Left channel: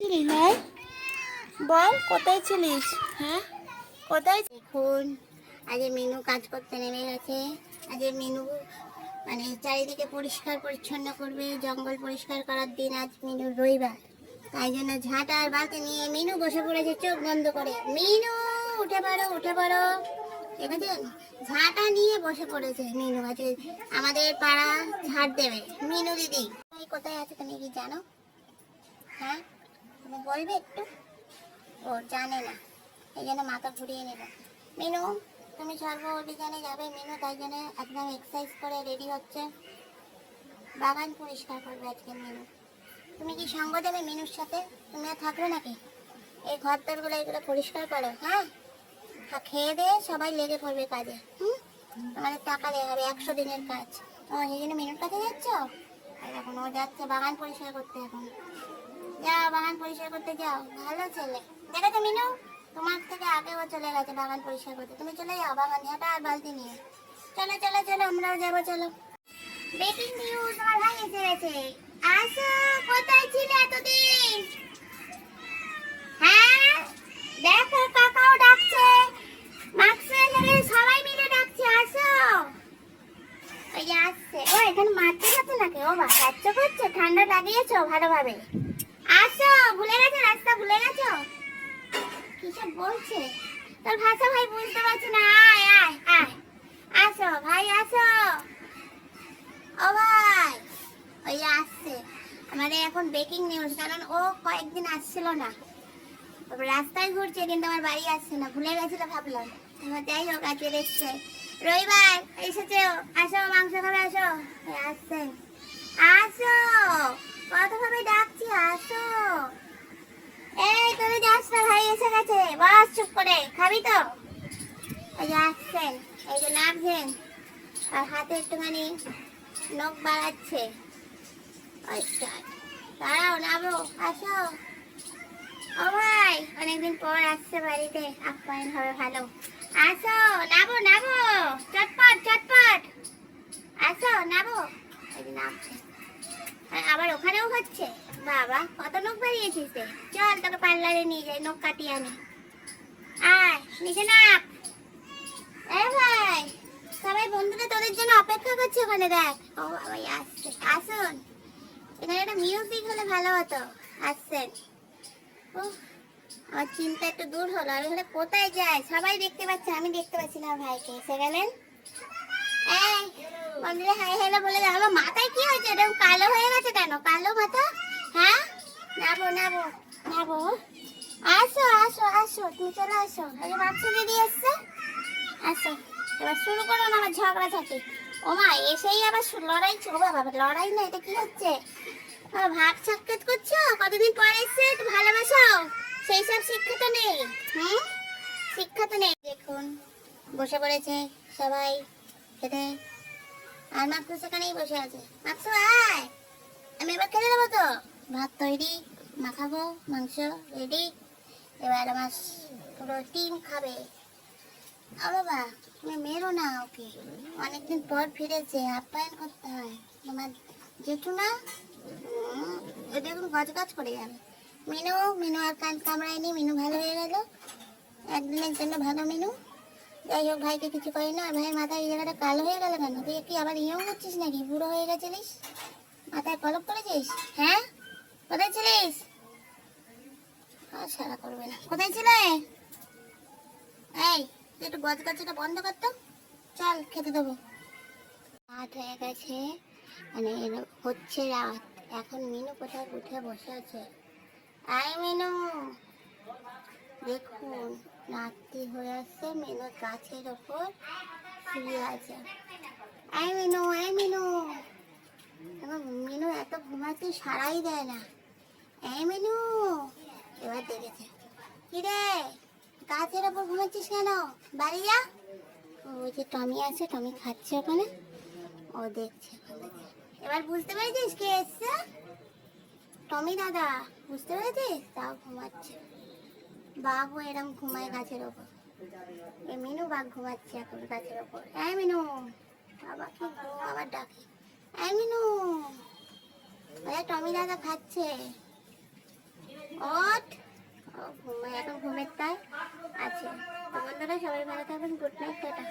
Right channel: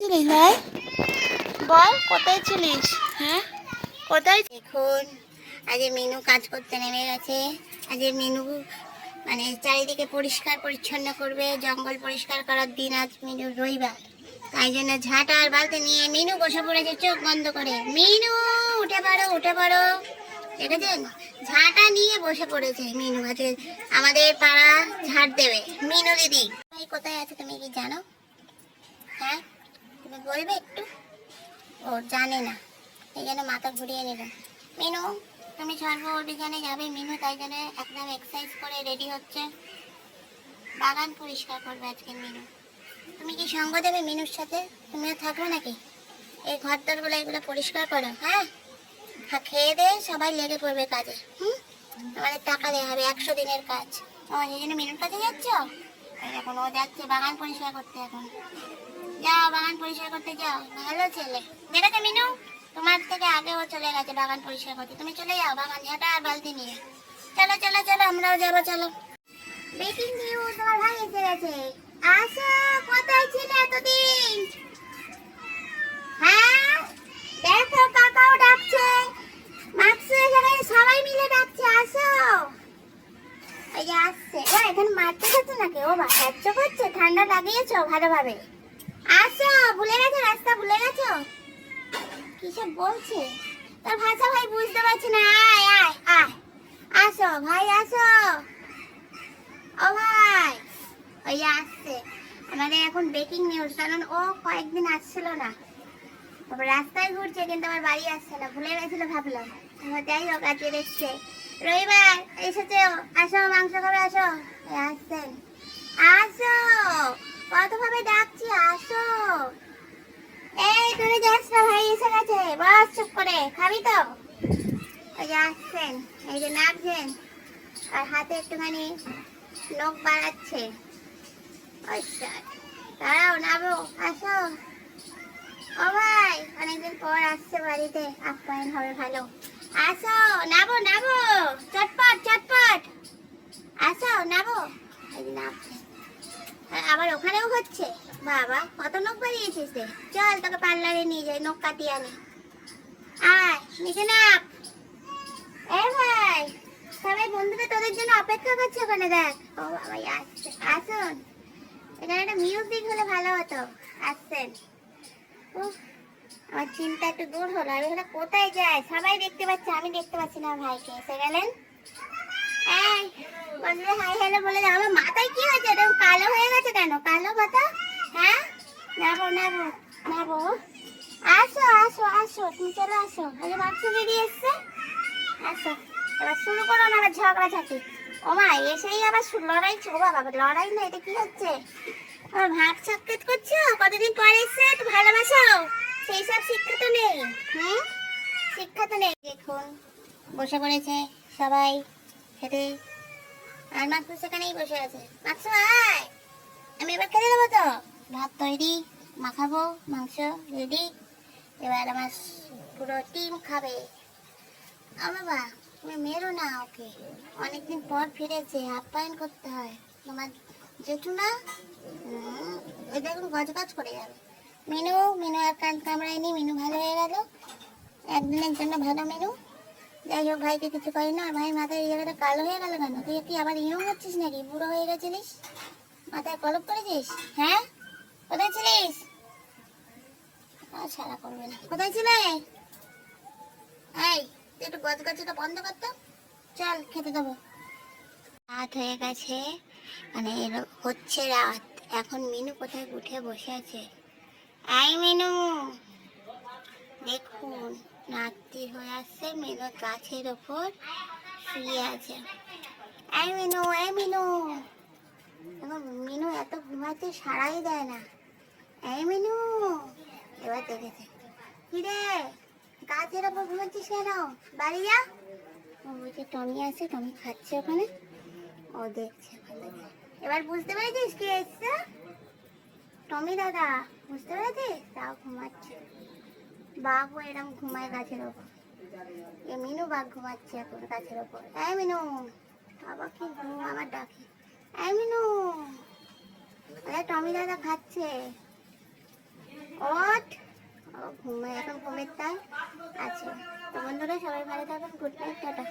ছিলিস ভাই? বল কোথায় ছিলিস? হ্যাঁ কোথায়? দেখুন আজ মিনু কাজ করতে নেমে গেছে। আজ মিনু মানে চারিদিকে পরিষ্কার পরিচ্ছন্ন করবে, জঙ্গল পরিষ্কার করার দিন আজ মিনু রবিবার। তাই জন্য ঝাঁটা আর বালতি নিয়ে মিনু বসে পড়েছে চোখ বন্ধ করে। মিনু উঠে পড়ো উঠে পড়ো, দেখেছেন ঝাঁটা নিয়ে বসে পড়েছে মিনু। আছে আমাদের পাড়া ঝাড় দেবে মিনু দিদি। কোথায় আছে তুমি কি জানো? হ্যাঁ তুমি বলবে একটু। ও জানে না, এই জন্য মাথা ঘুরিয়ে নিল। মিনু তুমি সর্ব অভিযানে যাবে মিনু, তাই জন্য একদম এক্সারসাইজ করে রেডি হচ্ছে। বাগান পরিষ্কার করবে আজকে মিনু। তুমি কি সঙ্গ দেবে মিনুর সাথে? তুমিও থাকবে নাকি? এই ঘরটারগুলো এগুলো পরিষ্কার করো। হ্যাঁ খেয়ে দিয়ে সবাই লেগে পড়বে কাজে। আমাদের টাকা দেওয়া হবে 100 দিনের কাজ। সেই জন্য মিনুর কাছে যাচ্ছ? এখন ও যাচ্ছে বাগান পরিষ্কার করতে। এখন যাও বাগান পরিষ্কার করতে যাও, ভালো ছেলে। দেখেছো মিনু, তোমার থেকে আগে ও চলে গেছে বাগান পরিষ্কার করতে। তুমি চলে যাও বাগান ঝাঁটা আর বালতি নিয়ে। চলো চলো চলো আমরাও যাবো চলো। ব্রেকিং নিউজ, আমার ভাই এসে গেছে। আসো, কোথায় ছিলে এতদিন? হ্যাঁ দেখো কাকাও ডাকছে, মাক্সু এসে গেছে, সবাই মিলে ডাকছে আসো। ওই যে আসছে। ও এখানে মারতে যাচ্ছে নাকি? ও বাচ্চ করছে, ঠান্ডা লাগিয়েছো ভালোভাবে। আসো, ভুলে গেছো রাস্তা, ভুলে গেছো? কিসব বলছে তোর ভাষা ভাই বুঝতে পারছি না। আয় আয় আয়, আসো ভাই আসো। ও ভাই ওই আসছে। আমাদের এখন ব্রেকিং নিউজ, কারণ ও কয়েকদিন আসছিল না, তারপর রাস্তায় ঘুরছে কিন্তু আমার বাড়ি আসছে না, ভুলে গেছিল ভাবলাম। যাই হোক আজকে এসছে, রবিবার এসেছে। আসো মাংস খাবে আসো। আসছে, আসো কতভাবে ডাকছি আসো। এই তুমি যাস না, ভাই এসে গেছে, বস চুপ করে। খাবি তো? ওই যে আসছেন, এই যে নামছেন আর হাতে একটুখানি নখ বাড়াচ্ছে। দাঁড়াও নামো, আসো। ও ভাই অনেকদিন পর আসছে বাড়িতে, আপ্যায়ন হবে ভালো। আসো নামো নামো, চটপট চটপট আসো নামো। এই যে নামছে, আবার ওখানেও হচ্ছে। বাবা কত নখ বাড়িয়েছিস রে, চল তোকে পার্লারে নিয়ে যাই, নখ কাটিয়ে আনি। আয় নিচে নাম। এ ভাই সবাই বন্ধুরা তোদের জন্য অপেক্ষা করছে ওখানে, দেখ। ও বাবা আসছে, আসুন। এখানে একটা মিউজিক হলে ভালো হতো। আসছেন। উফ আমার চিন্তা একটু দূর হলো। আমি এখানে কোথায় যাই? সবাই দেখতে পাচ্ছে, আমি দেখতে পাচ্ছি না। ভাইকে এসে গেলেন। এই বললে হাই হ্যালো বলে যাও। আমার মাথায় কি হয়েছে? এটা কালো হয়ে গেছে কেন? কালো মাথা। হ্যাঁ নাবো নাবো নাবো। আসো আসো আসো, তুমি চলে আসো। এই মাংস দিদি এসছে, আসো। এবার শুরু করো না আবার ঝগড়াঝাটি। ও মা এসেই আবার লড়াই। ছো বাবা লড়াই না, এটা কি হচ্ছে? ভাগ সাক্ষাৎ করছো, কতদিন পর এসছে, একটু ভালোবাসো। সেই সব শিক্ষা তো নেই। শিক্ষা তো নেই। দেখুন বসে পড়েছে সবাই খেতে, আর মাকসু সেখানেই বসে আছে। মাকসু আয়, আমি এবার খেতে দেবো তো। ভাত তৈরি, মাখাবো, মাংস রেডি। এবার আমার পুরো টিম খাবে। বাবা তুমি মেরো না ওকে, অনেকদিন পর ফিরেছে, আপ্যায়ন করতে হয়। তোমার জেঠু না, এটা এখন গজগাজ করে যাবে। মিনু মিনু আর কান কামড়ায়নি, মিনু ভালো হয়ে গেল একদিনের জন্য, ভালো মিনু। যাই হোক ভাইকে কিছু করি না। ভাই মাথায় এই জায়গাটা কালো হয়ে গেল কেন? তুই কি আবার ইয়ং হচ্ছিস নাকি? বুড়ো হয়ে গেছিলিস? মাথায় পলক করেছিস? হ্যাঁ কোথায় ছিলিস? সারা করবে না। কোথায় ছিলে? এই তুই একটু গজগাছটা বন্ধ করতো, চল খেতে দেবো। রাত হয়ে গেছে, মানে হচ্ছে রাত। এখন মিনু কোথায় উঠে বসে আছে। আই মিনু, দেখুন রাত্রি হয়ে আসছে, মিনু গাছের ওপর শুয়ে আছে। এই মিনু এই মিনু, এখন মিনু এত ঘুমাতে সারাই দেয় না। এই মিনু এবার দেখেছে, কি রে গাছের ওপর ঘুমাচ্ছিস কেন? বাড়ি যা। ওই যে টমি আছে, টমি খাচ্ছে ওখানে, ও দেখছে ওখান থেকে। এবার বুঝতে পেরেছিস কে এসছে? টমি দাদা, বুঝতে পেরেছিস? তাও ঘুমাচ্ছে। বাঘও এরকম ঘুমায় গাছের ওপর। এ মিনু বাঘ ঘুমাচ্ছে এখন গাছের ওপর। এই মিনু, আমাকে ঘুম আবার ডাকে। এই মিনু, টমি দাদা খাচ্ছে। ও সবাই ভালো থাকবেন, গুড নাইট, টাটা।